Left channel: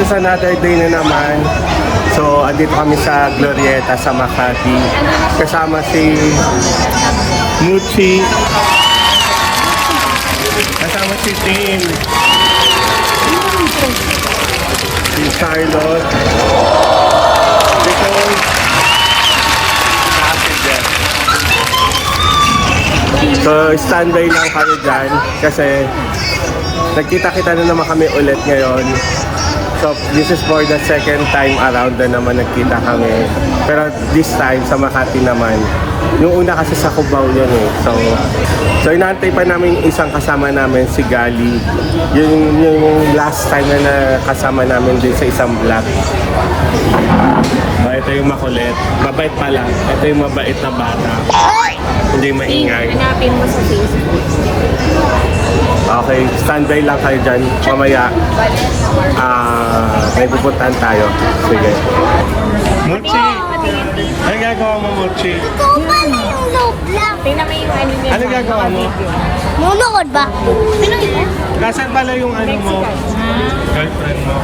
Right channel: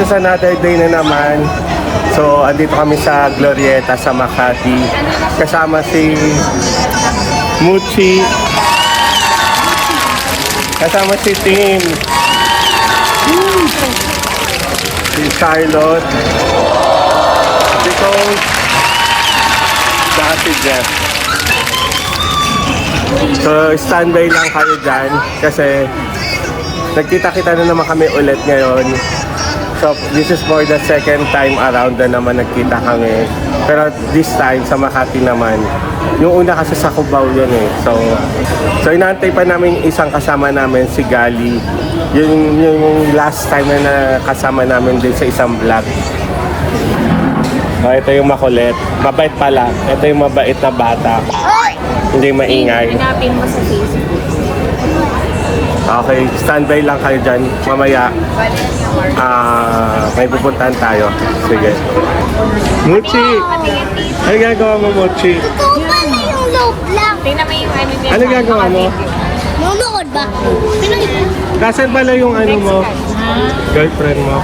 this is another day na naman. So, andito kami sa Glorieta sa Makati. Kasama si Muchi. Kasama si Tim. Si Charlotte. So, standby lang kayo dyan kasi nagkita-kita na naman kami ulit ngayon. So, this is for the second time around na naman nagkita kami. Pero this time, sa Makati naman. Yung una kasi sa Cubao yan eh. So inaantay pa namin isang kasama namin, si Gali. Yung last time na nakasama namin din sa isang vlog. Ito yung makulit. Mabait pala. Ito yung mabait na bata. Hindi maingay. Hanapin mo sa Facebook. Okay, standby lang kayo dyan. Mamaya, may pupuntahan tayo. Sige. Mochi! Ano gagawa mo, Mochi? Ikaw pa na yung loob lang. Ano gagawa mo? Nunukod ba? Nasaan pala yung ano mo? Girlfriend mo?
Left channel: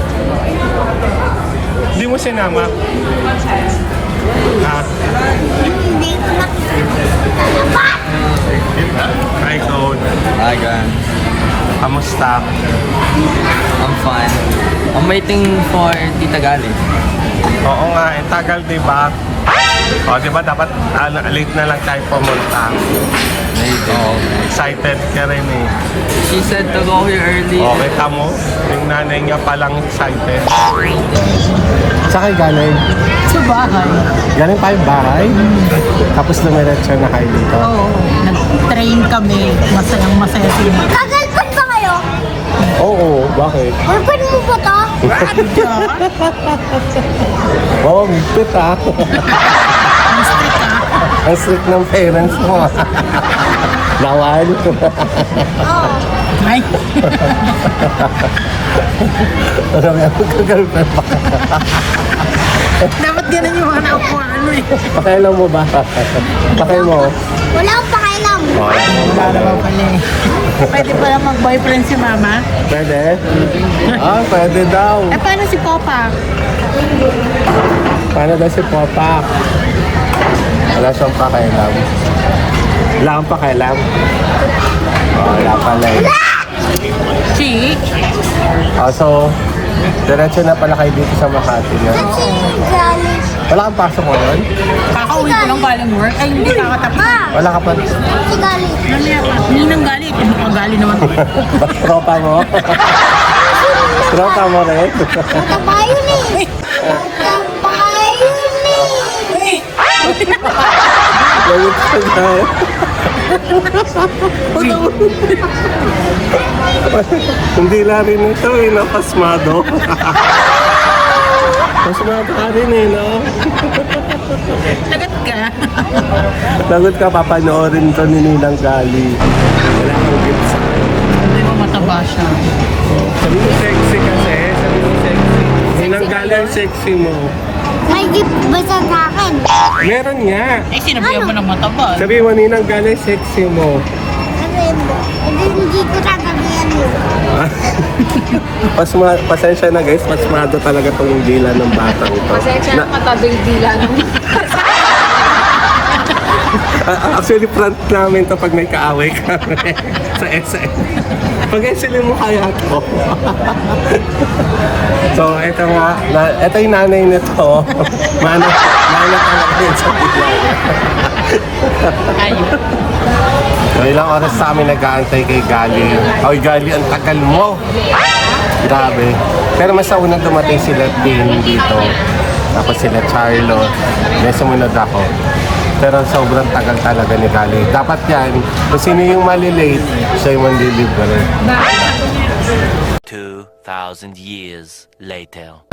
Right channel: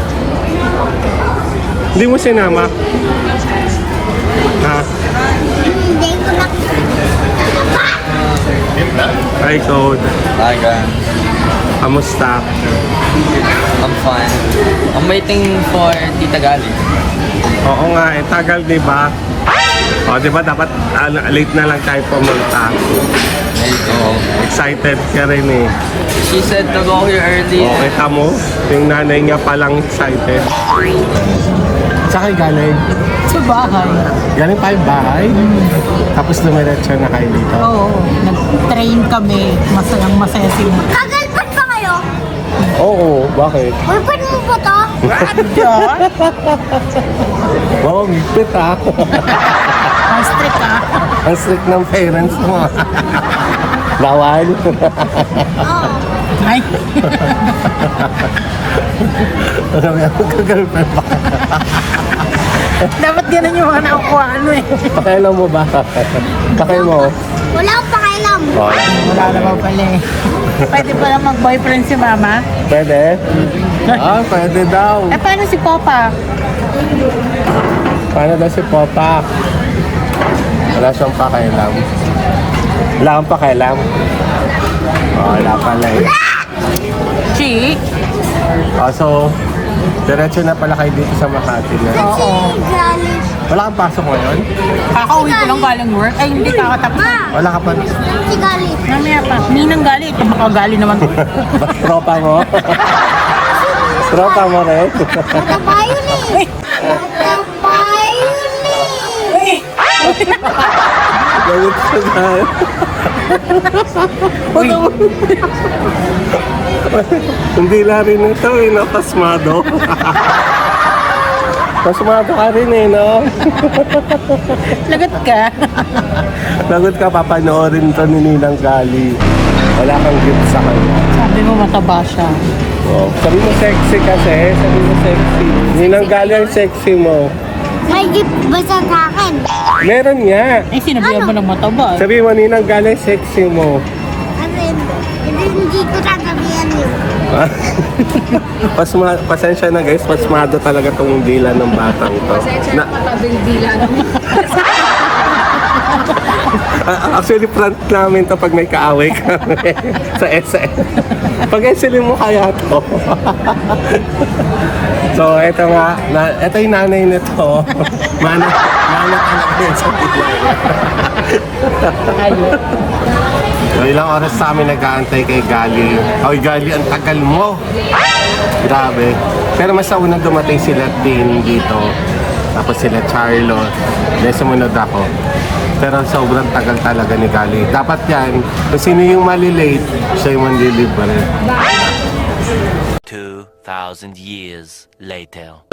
Hindi mo sinama? Ha? Hindi ko na. Hi, Code. Hi guys, Kamusta? I'm fine. I'm waiting for Tita Gali. Oo nga, tagal diba? O, diba dapat late na lang tayo pumunta. Maybe. Excited ka rin eh. She said to go here early. Okay ka mo? Yung nanay nga palang excited. Saan kayo galing? Sa bahay. Galing pa yung bahay? Tapos dumiretso na kayo dito? Oo. Nag-train kami. Masayang-masaya sila. Kagalpan ba kayo? Oo, bakit? Girlfriend mo ba to? Wow, miktot ha? Ang strict ah. Ang strict ng parents mo. Bawal. Ay. Ano nga, magka-girlfriend pa. Dapat ganun yung mga nakukuha niyo eh. Pakailan mo ba? Pakay mo. Wala akong pakialam. Wala naman pala eh. Pwede pala mag-boyfriend si mama? Pwede? Ah, pwede daw. Eh paano si Papa? Paano daw si Papa? Wala siyang pakailam. Wala kang pakailam? Oh, wala pala eh. Chick? Oh, so, diretso na pala kayo dito sa Makati na. Kasi galing. Wala kang pasok ngayon? Kakauwi ko lang galing work. Ay, hindi kakatapos. Wala ka pa. Si galing. Hindi nang galit. Eh, baka galit naman. Tropa mo? Tropa mo rin? Mataba yun eh. Mataba yun eh. Gawin ko na. Hindi lang rin ito eh, napasmado. Pasmado ka rin eh, no? Lagat ka. Lagot ka, papanoorin to ni Ninang Gali. Wala kang gift sa akin. Hindi mo mataba siya. Oh, sabi mo sexy kasi. Sabi mo sexy. Ninang Gali ang sexy mo. May gift ba sa akin? Meron nga. Eh, sinabihan mo ng mataba. Sabi mo, Ninang Gali ang sexy mo. Ano yun? Hindi ko sasabihan yun. Pasensya na guys, pasmado talaga tong dila ng batang ito. Pasensya na matabing dila naman. Actually, front namin to pag may kaaway kami sa SM. Pag SM mo kaya to. So, ito nga. Ito yung nanay nito. Manat din sa bigay. Ayun. So, ilang oras sa amin nag-aantay kay Gali. Oy, Gali, ang tagal mo. Grabe. Pero mas sa unang dumating sila din dito. Tapos sila Charlotte. Then sumunod ako. Pero sobrang tagal talaga ni Gali. Dapat yan, kung sino yung malilate, siya yung manlilibre. 2,000 years later.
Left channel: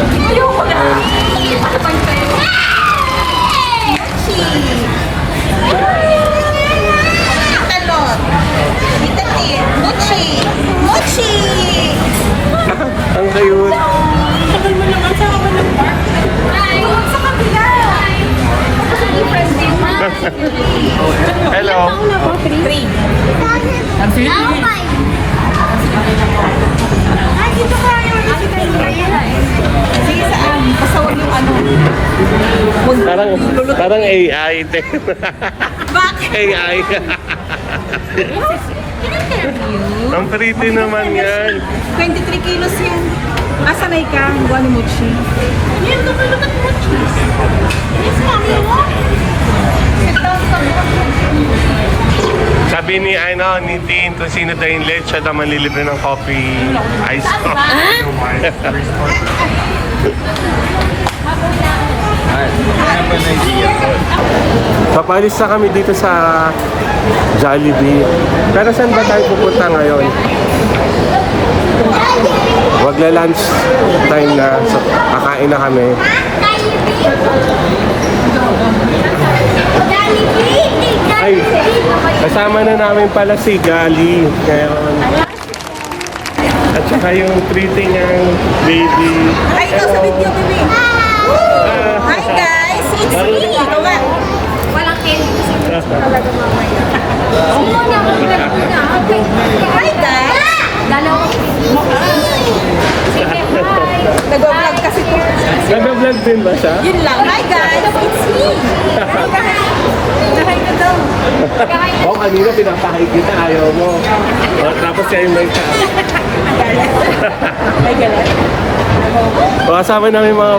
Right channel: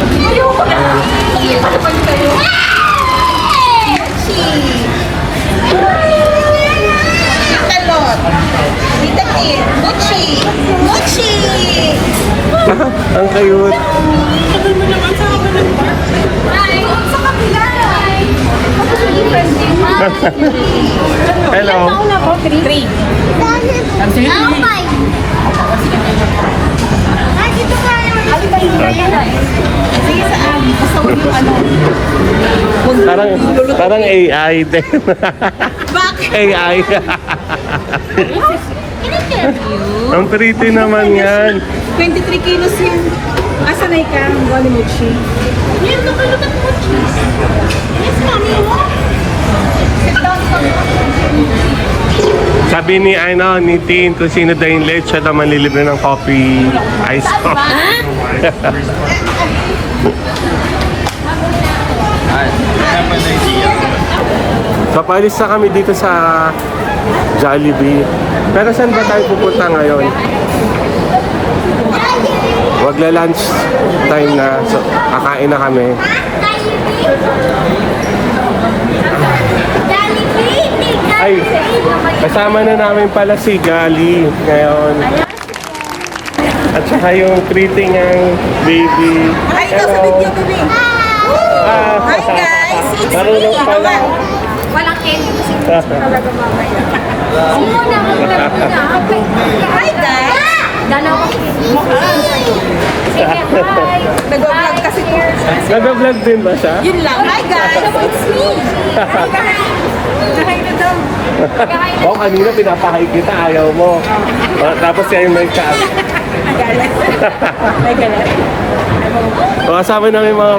Talot. Tita Kim. Mochi. Mochi. Ang cute. Tagal mo naman sa kabal ng park. Ay, sa kabila. Ako sa different team. Hello. Absolutely. Ay, dito ka. Ay, dito ka. Parang AI din. Bakit? AI. In-interview? Ang pretty naman yan. 23 kilos yung asanay ka ang gawin mo, Chi. Yan, kapalutan mo, cheese. Yes, mami mo. Sit down, stop. Sabi ni ni Tin, kung sino daw yung late, siya naman lilibre ng coffee, ice coffee. Papalis na kami dito sa Jollibee. Pero saan ba tayo pupunta ngayon? Wagla-lunch time na. So, kakain na kami. Ay, kasama na namin pala si Gali ngayon. At saka yung pretty ng baby. Ay, ikaw sa video, baby. Hi, guys. It's me. Walang candy kasi talaga mamaya. Sino na mag-vlog ko na? Okay. Hi, guys. Dalawa. Nag-vlog kasi ko. Nag-vlog din ba siya? Yun lang. Hi, guys. It's me. Kahain na daw. Kahain na. Oo, kanina pinapahalik kita, ayaw mo. Oh, tapos siya yung may pa. Galit. May galit. Kasama namin mga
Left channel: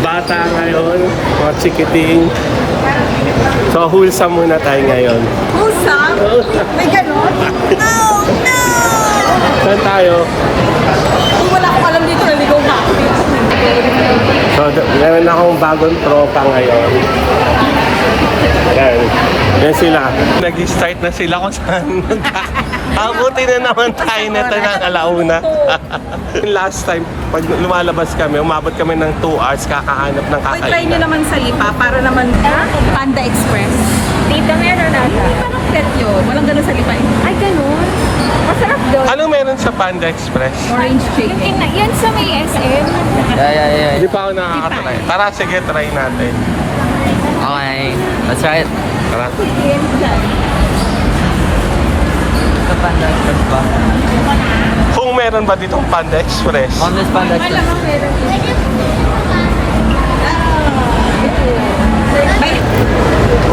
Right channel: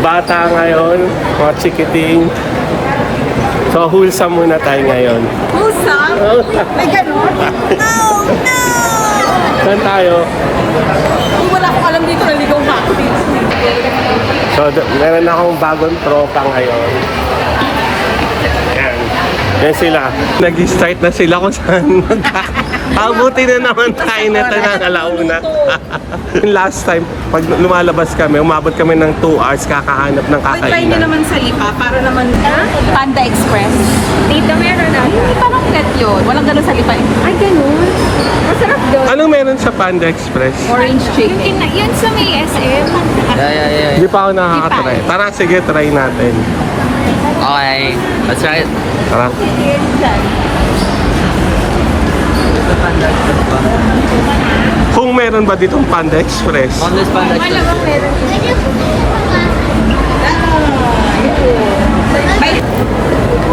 bata ngayon, mga chikiting. So, wholesome muna tayo ngayon. Wholesome? May ganon? Oh, no! Saan tayo? Ay, wala akong alam dito. Naligaw ka. So, meron akong bagong tropa ngayon. Ayan. Yan sila. Nag-start na sila kung saan abuti na naman tayo na alauna. Last time, pag lumalabas kami, umabot kami ng 2 hours kakahanap ng Ay, try kakain. nyo naman sa Lipa para naman... Panda Express. Dito meron na. Hindi parang pet yun. Walang ganon sa Lipa. Ay, ganun. Masarap doon. Anong meron sa Panda Express? Orange chicken. Yan sa may SM. Yeah. Hindi pa ako nakakatry. Tara, sige, try natin. Okay, let's try it. Tara. Kung meron ba ditong Panda Express? On this one, let's try.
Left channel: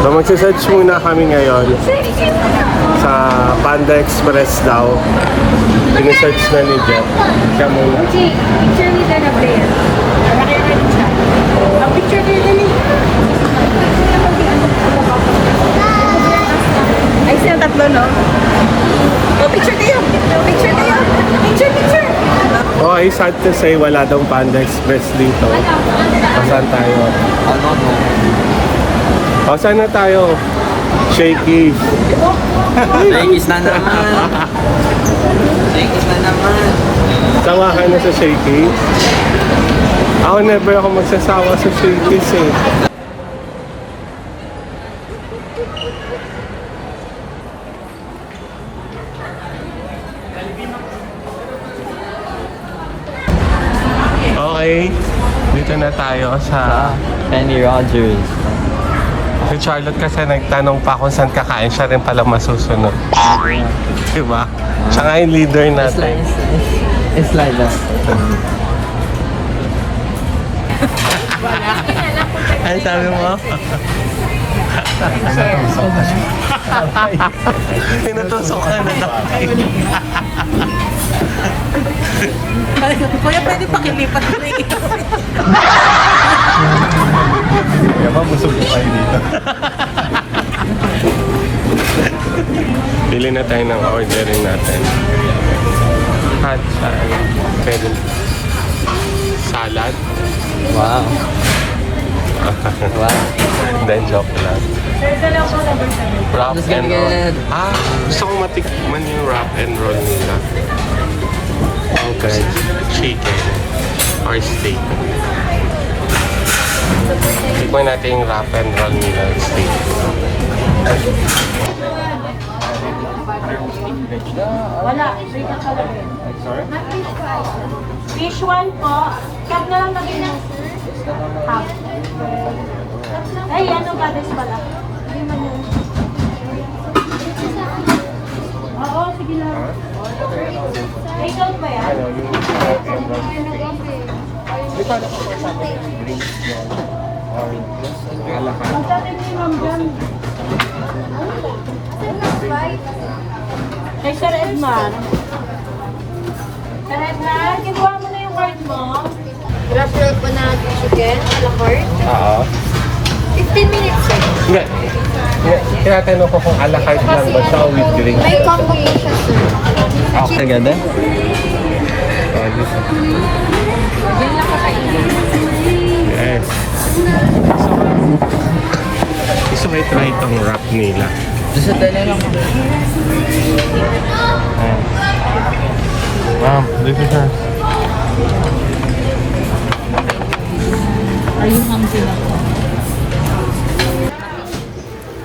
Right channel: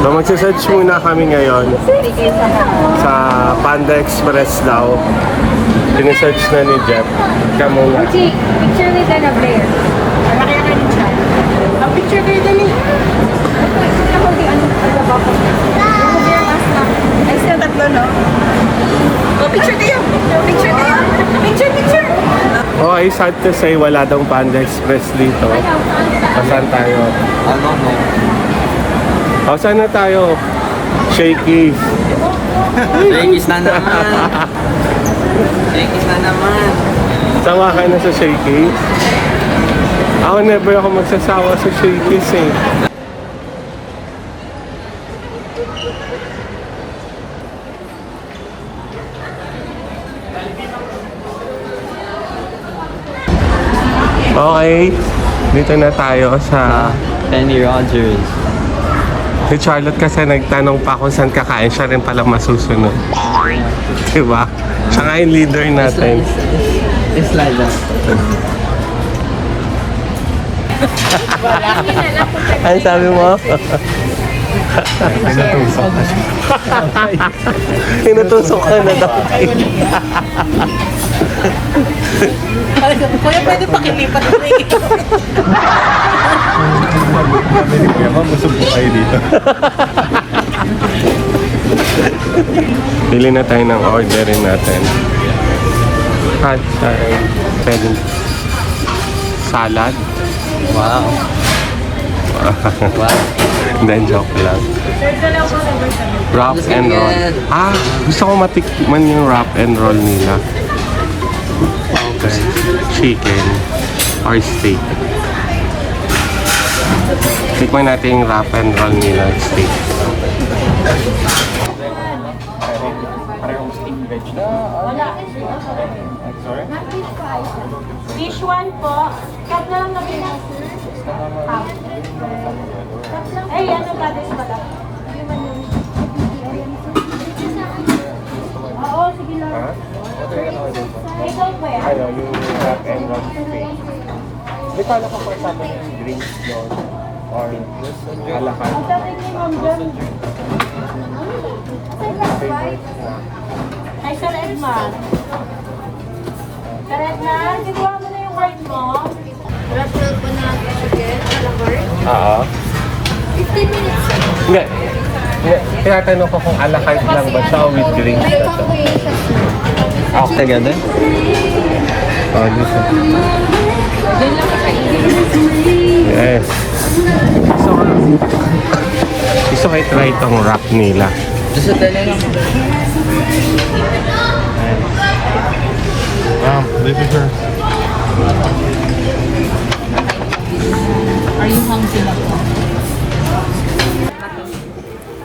So magsisearch muna kami ngayon sa Panda Express daw. Pinisearch na ni Jeff. Siya muna. Picture with the number. Ang picture ba yun? Ay, sila tatlo, no? Oh, picture kayo! Picture kayo! Picture! Oh, ay sad to say wala daw Panda Express dito. Saan tayo? I don't know. O, saan na tayo? Shaky. Shakey's na naman. Shakey's na naman. Sawa ka na sa Shaky? Ako never ako magsasawa sa Shaky's eh. Okay, dito na tayo sa... Penny Rogers. Si Charlotte kasi nagtanong pa kung saan kakain, siya rin pala masusunod. Diba? Siya nga yung leader natin. It's like that. Ano sabi mo? Tinutusok ka na daw. Kuya, pwede pakilipat mo ito. Pili na tayo ng ordering natin. Hot side, pen, salad. Then joke lang. Wrap and roll. Ah, gusto ko matikman yung wrap and roll nila. Chicken or steak. Tikman natin yung wrap and roll nila steak. Fish one po. Kaya na lang lagi na. Half. Ay, ano ba this pala? Hindi man yun. Oo, sige lang. Ikaw ba yan? Ano, yung wrap and roll steak. Di pa ako kasama yung drinks yun. Or alakay. Pagdating ni Ma'am Jan. Kay Sir Edman. Sir Edman, kinuha mo na yung card mo. Gratulat po na chicken, alakort. Oo. 15 minutes sir. Hindi. Tinatanong ko kung alakay lang ba siya o with drinks. May combination. Okay, gano'n? Yan lang kakainin. Yes. Gusto ko i-try itong wrap nila. Gusto tayo lang. Wow, delicious.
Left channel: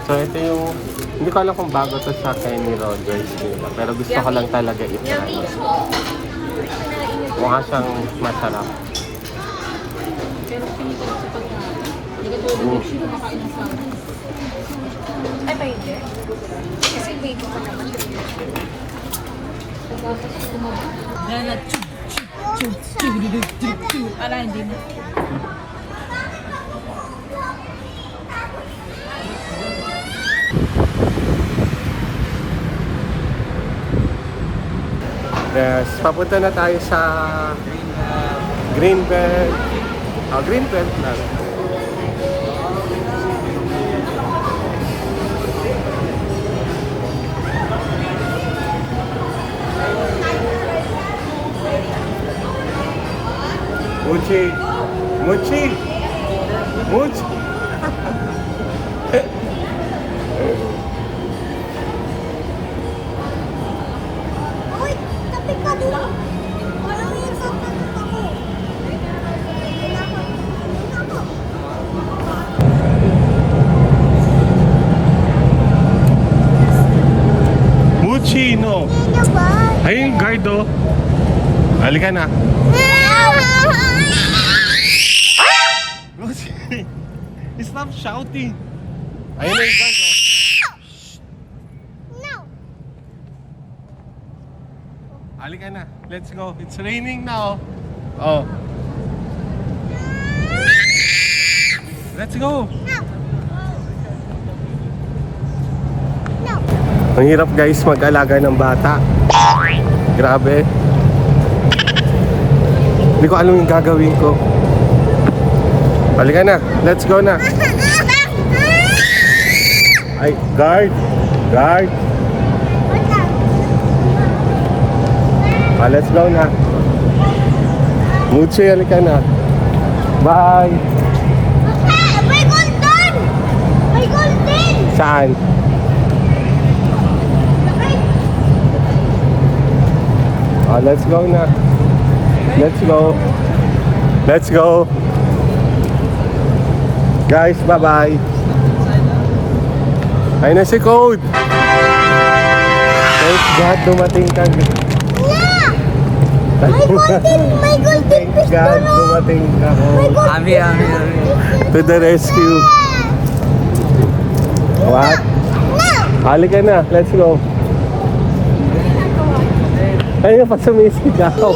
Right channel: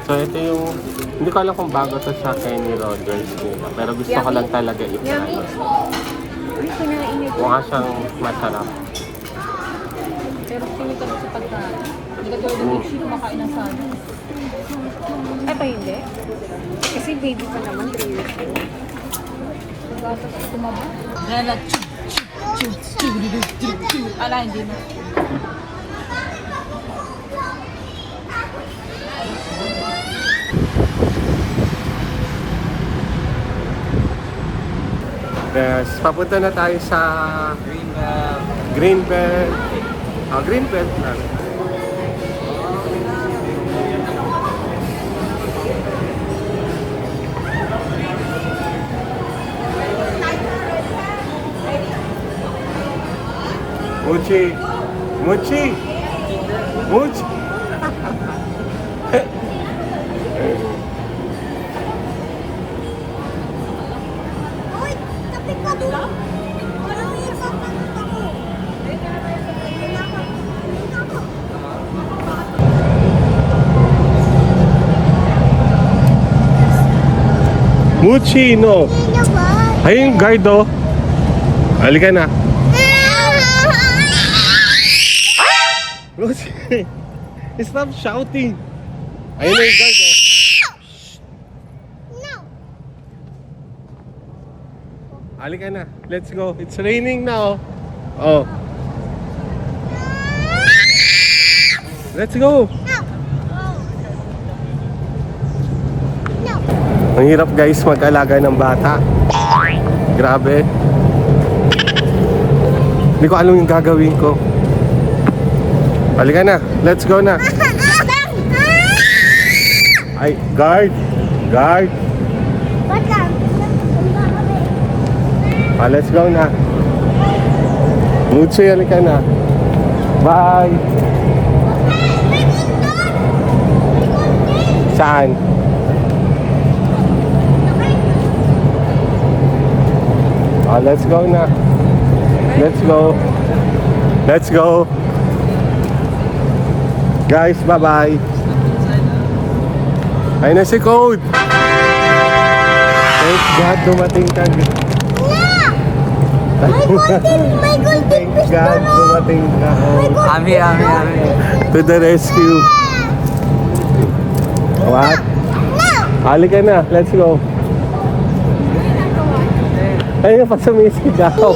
So ito yung, hindi ko alam kung bago to sa Kenny Rogers nila, pero gusto ko lang talaga i-try. Mukha siyang masarap. Ito hindi. Kasi baby. Ala, hindi mo. Yes, papunta na tayo sa Greenbelt. Greenbelt lang. Muchi! Muchi! Muchi! Uy, kapit ka dito. Parang may sasagot ako. Muchi, no! Ano ba? Ayun, guard, oh! Halika na. Muchi! Stop shouting! Ayun na yung guard, oh! No. Halika na. Let's go. It's raining now. Oh. Let's go. No. Ang hirap guys mag-alaga ng bata. Grabe. Hindi ko alam yung gagawin ko. Halika na. Let's go na. Ay, guard. Guard. Let's go na. Muchi, halika na. Bye. May golden! May golden! Saan? Let's go na. Let's go. Let's go. Guys, bye-bye. Ayun na si Code. Thank God dumating ka. May golden Thank fish God dumating ka. Kami ang... To the rescue. What? Halika na. Let's go. Ayun pa sumisigaw.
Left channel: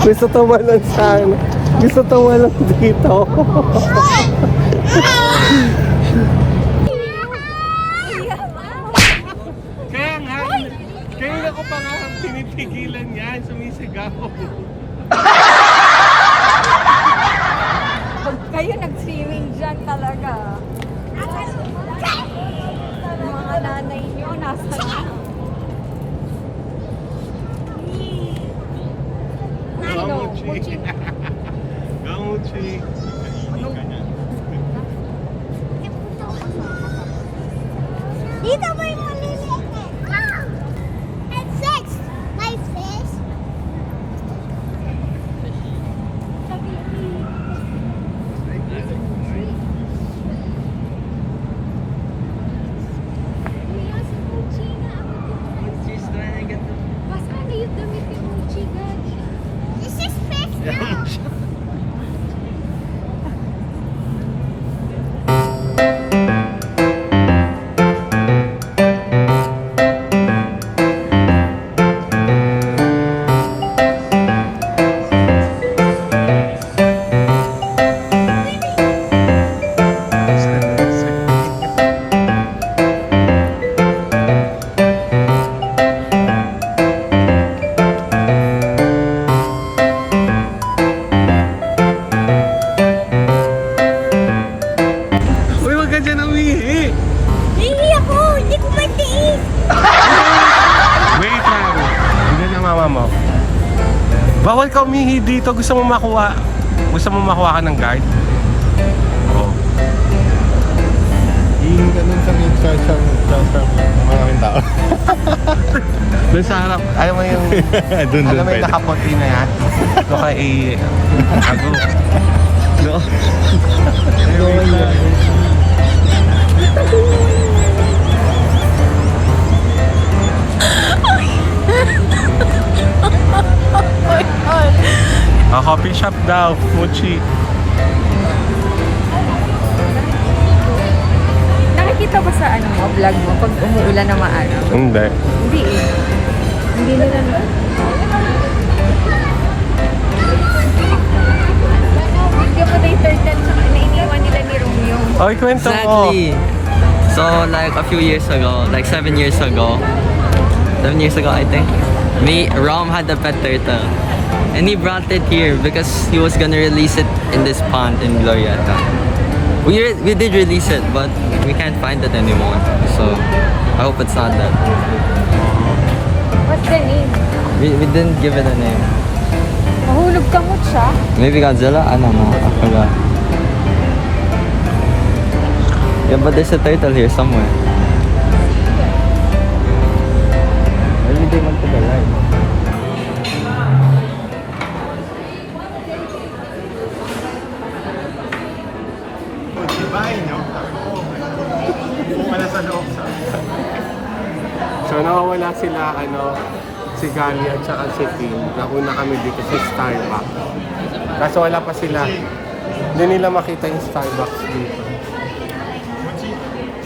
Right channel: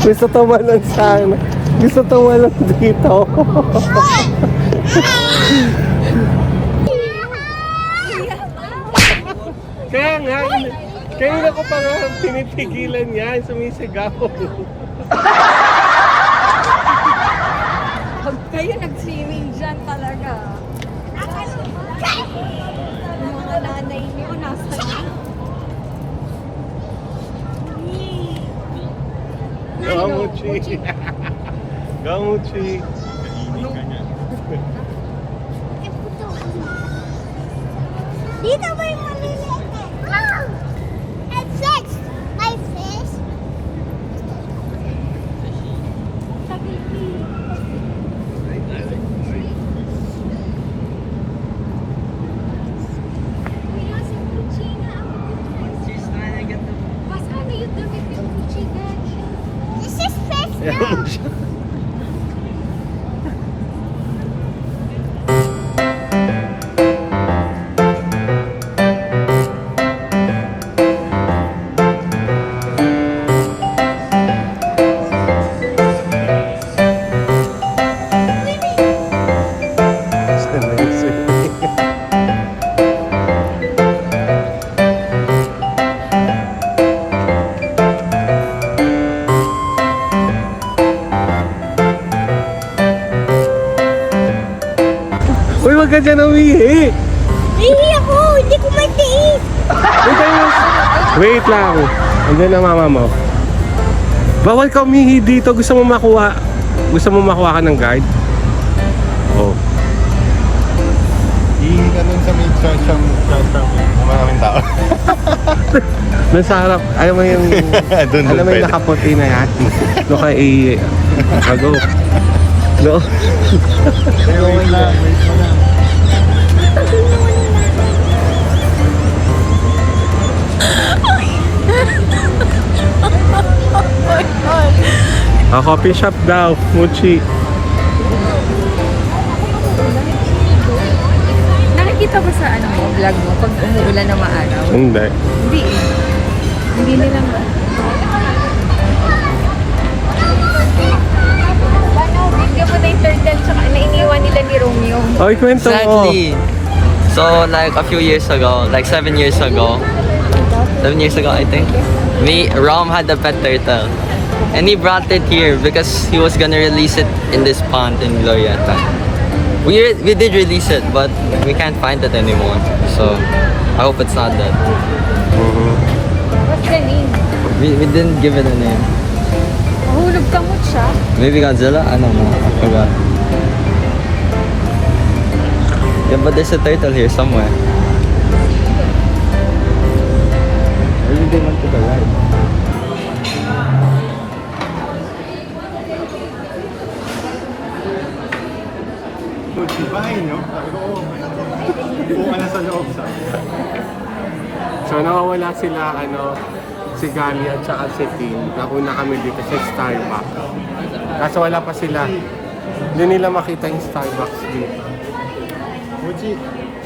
Gusto tumalon sana. Gusto tumalon dito. Kaya nga, kaya ko pa nga tinitigilan yan, sumisigaw. Kayo nag-swimming dyan talaga. Yung mga nanay nyo, nasa Gamuchi. Gamuchi. Dito ba yung maliliit na? It says, my fish. This is fish now. ka dyan umihi. Hindi ako! Hindi ko matiis! Wait lang. Andiyan na mama mo. Bawal ka umihi dito. Gusto mo makuha ka ng guard? Oh. Yung ganun sa may siyang mga tao. Doon sa harap, alam mo yung Doon alam mo yung pwede. nakaputi na yan? No kay ihi. Ago. No? Wait lang. Coffee shop daw. Fuchi. Nakikita ko sa vlog mo pag umuulan na maaraw? Hindi. Hindi eh. Hindi na lang. Naiiwan nila ni Romeo. Oy, kwento mo. Exactly. So like a few years ago, like 7 years ago, 7 years ago I think, Rom had a pet turtle. And he brought it here because he was gonna release it in this pond in Glorieta. We did release it, but we can't find it anymore. So I hope it's not dead. What's the name? We didn't give it a name. Nahulog tamot siya. Maybe Godzilla? I don't know. I forgot. Yeah, but there's a turtle here somewhere. Maybe they went to the right. So nawawala sila si Gali at saka si Tim. Nakuna kami dito sa Starbucks. Kaso wala pa sila. Hindi nila makita yung Starbucks dito.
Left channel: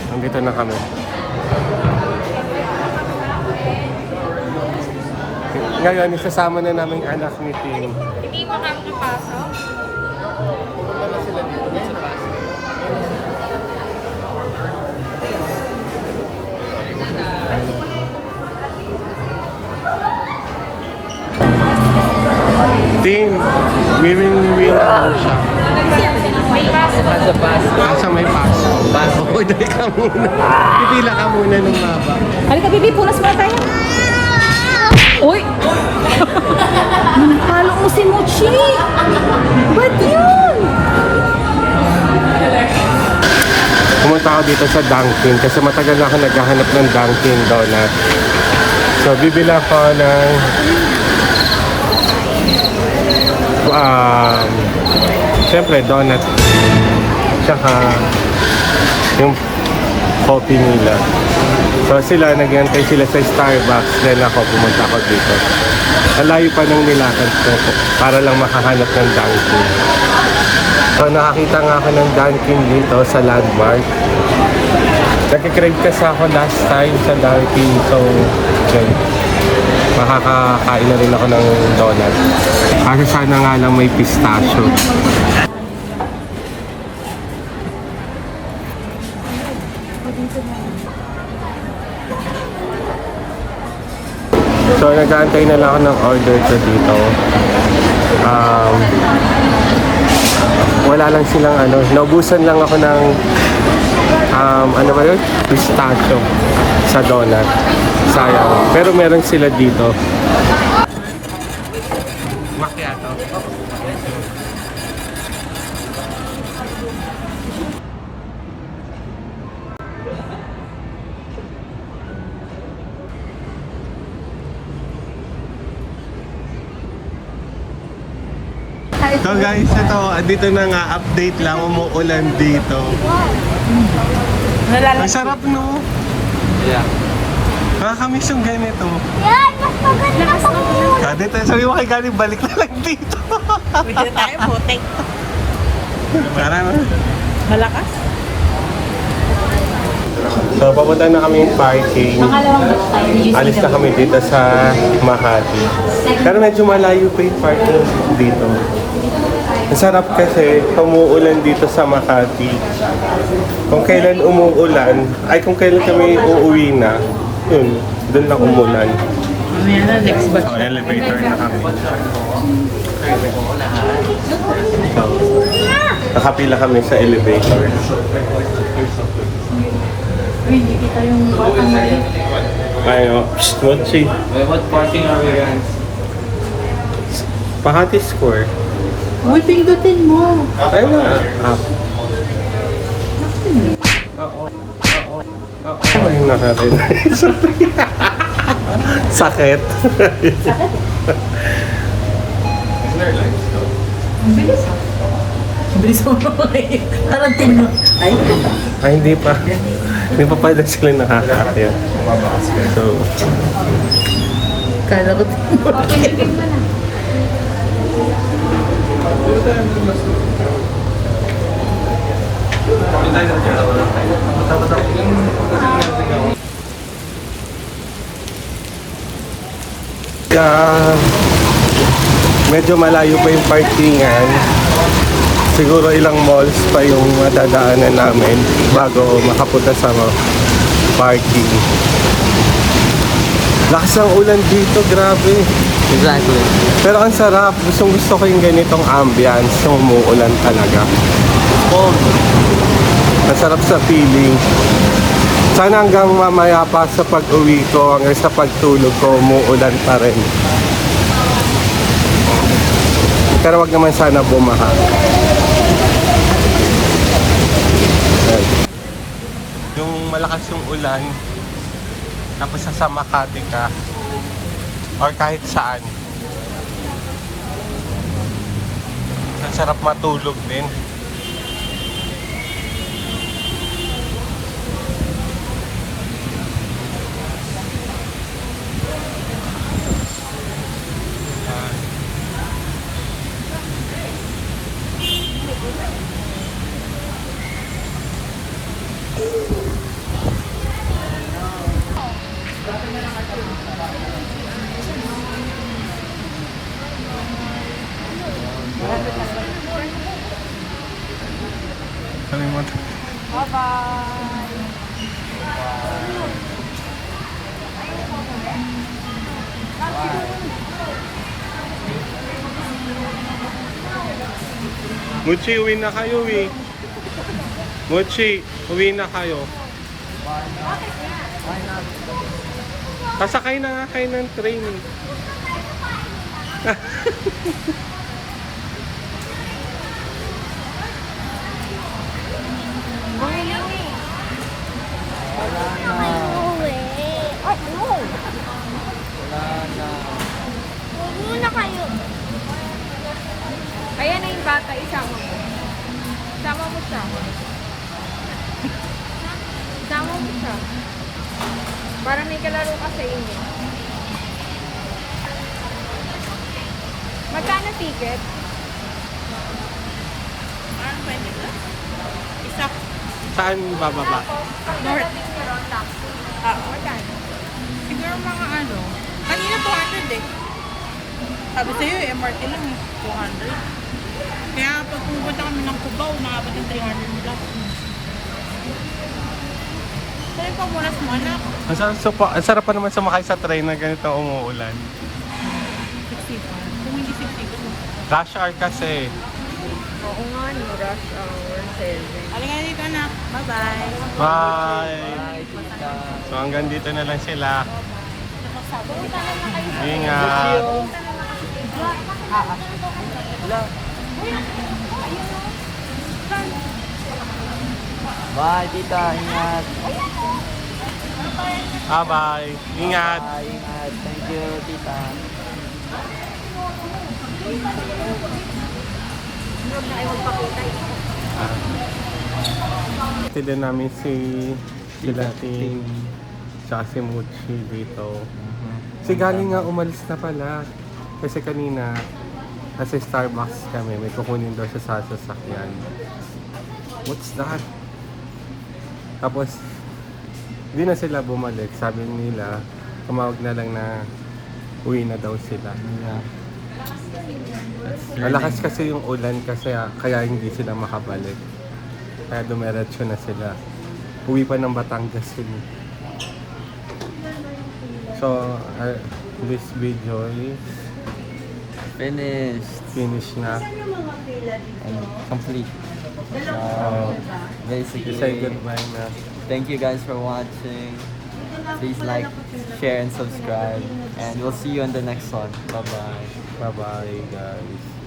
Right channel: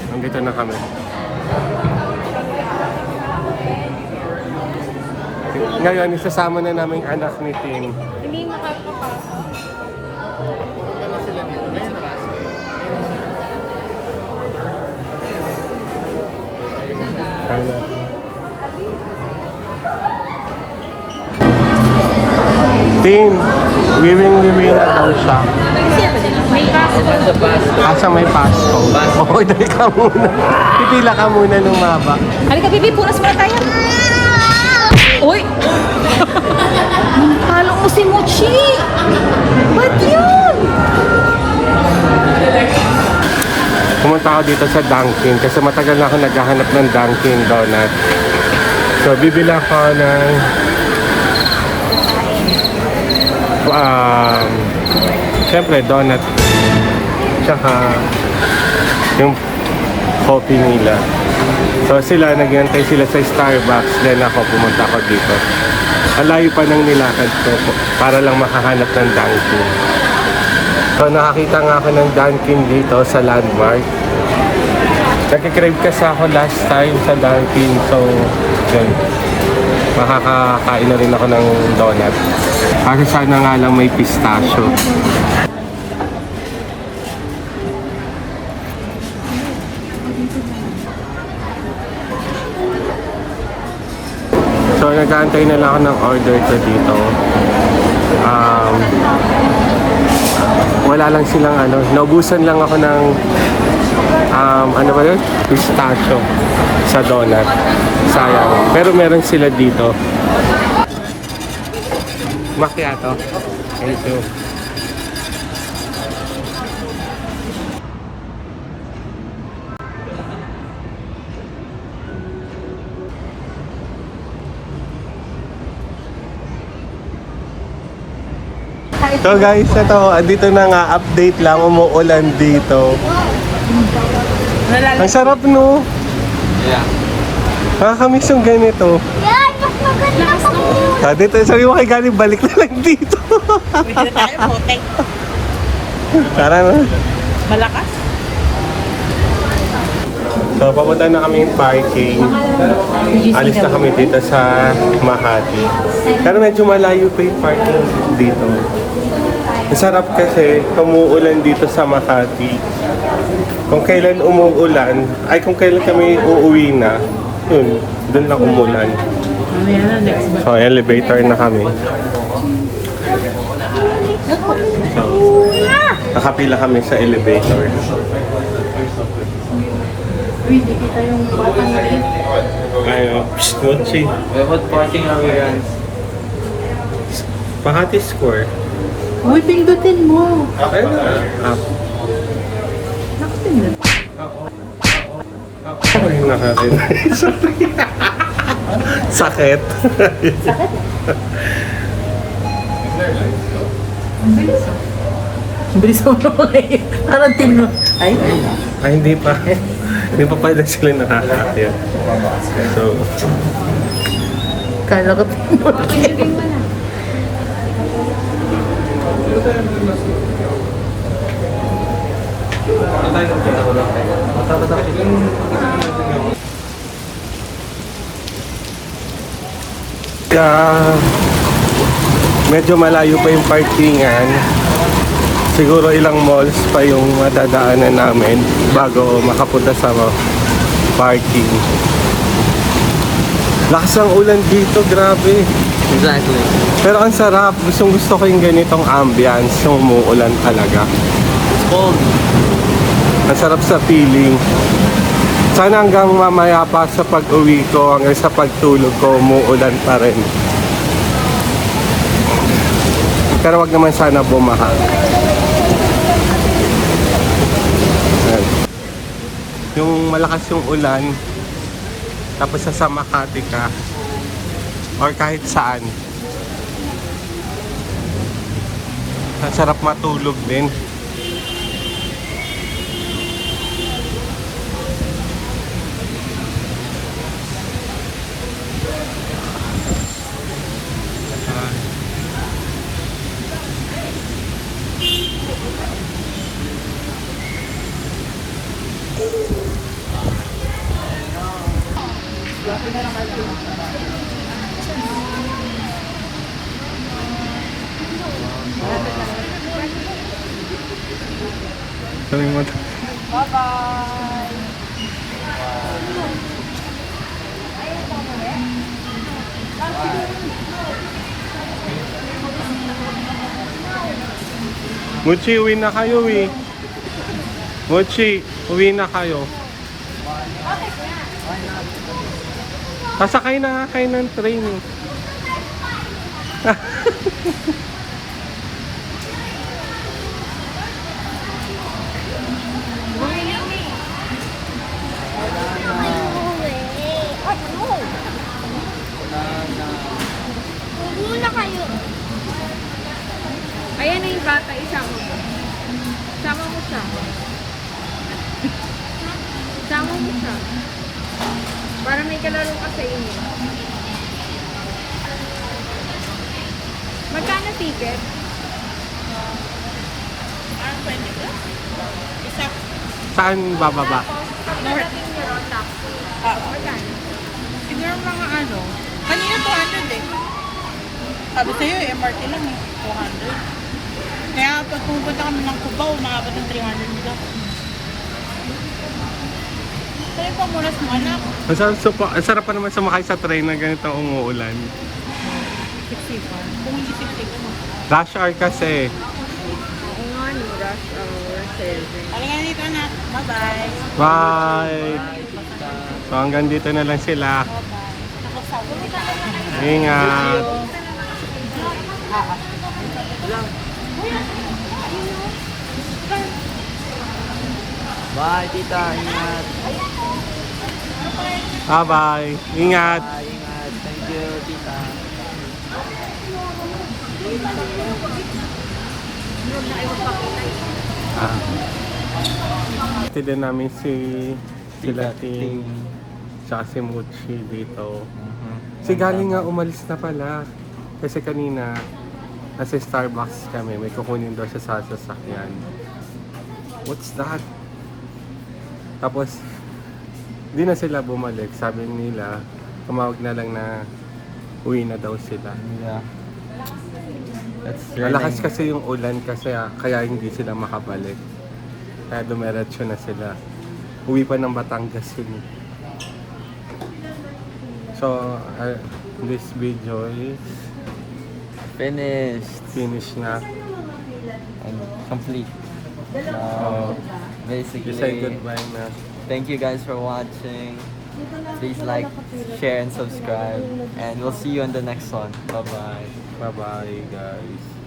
Nandito na kami. Ngayon, isasama na namin anak ni Tim. Hindi mo tayo kapasok. Tim, wiwing na daw siya. Asa may pasko. Order ka muna. Pipila ka muna lumaba. Halika, baby, puras pa tayo. Uy! Mahal ko si Mochi. Pumunta ako dito sa Dunkin kasi matagal na ako naghahanap ng Dunkin Donut. So, bibili ako ng siyempre donut tsaka yung coffee nila. So sila, naghihintay sila sa Starbucks, then ako pumunta ako dito. Ang layo pa ng nilakad ko para lang makahanap ng Dunkin. So nakakita nga ako ng Dunkin dito sa Landmark. Nagka-crave kasi ako last time sa Dunkin, so then makakakain na rin ako ng donut. Kasi sana nga lang may pistachio. So nag-aantay na lang ako ng order ko dito. Wala lang silang naubusan lang ako ng ano ba yun? Pistachio sa donut. Sayang. Pero meron sila dito. Macchiato. Ito. So guys, ito, andito na nga, update lang, umuulan dito. Ang sarap no? Yeah. Nakakamiss yung ganito. Yan! Mas maganda ako! Dito, sabi mo kay Galing, balik na lang dito. Pwede tayo, potek. Tara na. Malakas. So, papunta na kami yung parking. Alis na kami dito sa Makati. Pero medyo malayo pa yung parking dito. Ang sarap kasi umuulan dito sa Makati. Kung kailan umuulan, ay kung kailan kami uuwi na, yun, doon lang umulan. So, elevator na kami. So, nakapila kami sa elevator. Uy, hindi kita yung batang maliit. Ayo, Mochi. What parking are we in? Pakati Square. Uy, pindutin mo. Ayun na. Up. Ay, nakarin. Sakit. Bilis mo ngayon. Parang tingin. Ay, Ay, hindi pa. Hindi pa pala sila nakakakaya. So, kala ko medyo malayo pa yung parkingan. Siguro ilang malls pa yung madadaanan namin bago makapunta sa parking. Lakas ng ulan dito, grabe. Exactly. Pero ang sarap. Gusto ko yung ganitong ambience, yung umuulan talaga. Ang sarap sa feeling. Sana hanggang mamaya pa sa pag-uwi ko, hanggang sa pagtulog ko, umuulan pa rin. Pero wag naman sana bumaha. Ayan. Yung malakas yung ulan, tapos sa Makati ka, or kahit saan, ang sarap matulog din. Kalimutan. Muchi, uwi na kayo eh. Muchi, uwi na kayo. Kasakay na nga kayo ng train eh. Muna kayo. Ayan na yung bata, isama mo. Isama mo siya. Isama mo siya. Para may kalaro ka sa inyo. Magkano ticket? Parang 20 plus? Isa. Saan bababa? North. Siguro mga ano. Kanina 200 eh. Sabi sa'yo, MRT lang eh. 200. Kaya pag pumunta kami ng Cubao, makabot ng 300 plus. Saan yung pamunas mo, anak? Ang sarap pa naman sumakay sa train na ganito umuulan. 60 pa. Kung hindi 60 pa. Rush hour kasi. Oo nga, no, rush hour, service. Halika na dito, anak. Bye-bye. Bye! So hanggang dito na lang sila. Ingat! Bye, tita. Ingat. Bye-bye! Ingat! Ingat. Thank you, tita. Sila namin sila Tin tsaka si Muchi dito. Si galing nga umalis na pala. Kasi kanina nasa Starbucks kami. May kukunin daw siya sa sasakyan. What's that? Tapos hindi na sila bumalik. Sabi nila tumawag na lang na uwi na daw sila. Yeah. Malakas kasi yung ulan kasi kaya hindi sila makabalik. Kaya dumiretso na sila. Uwi pa ng Batangas yun. So, this video is finished na. And complete. So, You basically, say goodbye na. Thank you guys for watching. Please like, share, and subscribe. And we'll see you in the next one. Bye-bye. Bye-bye, guys.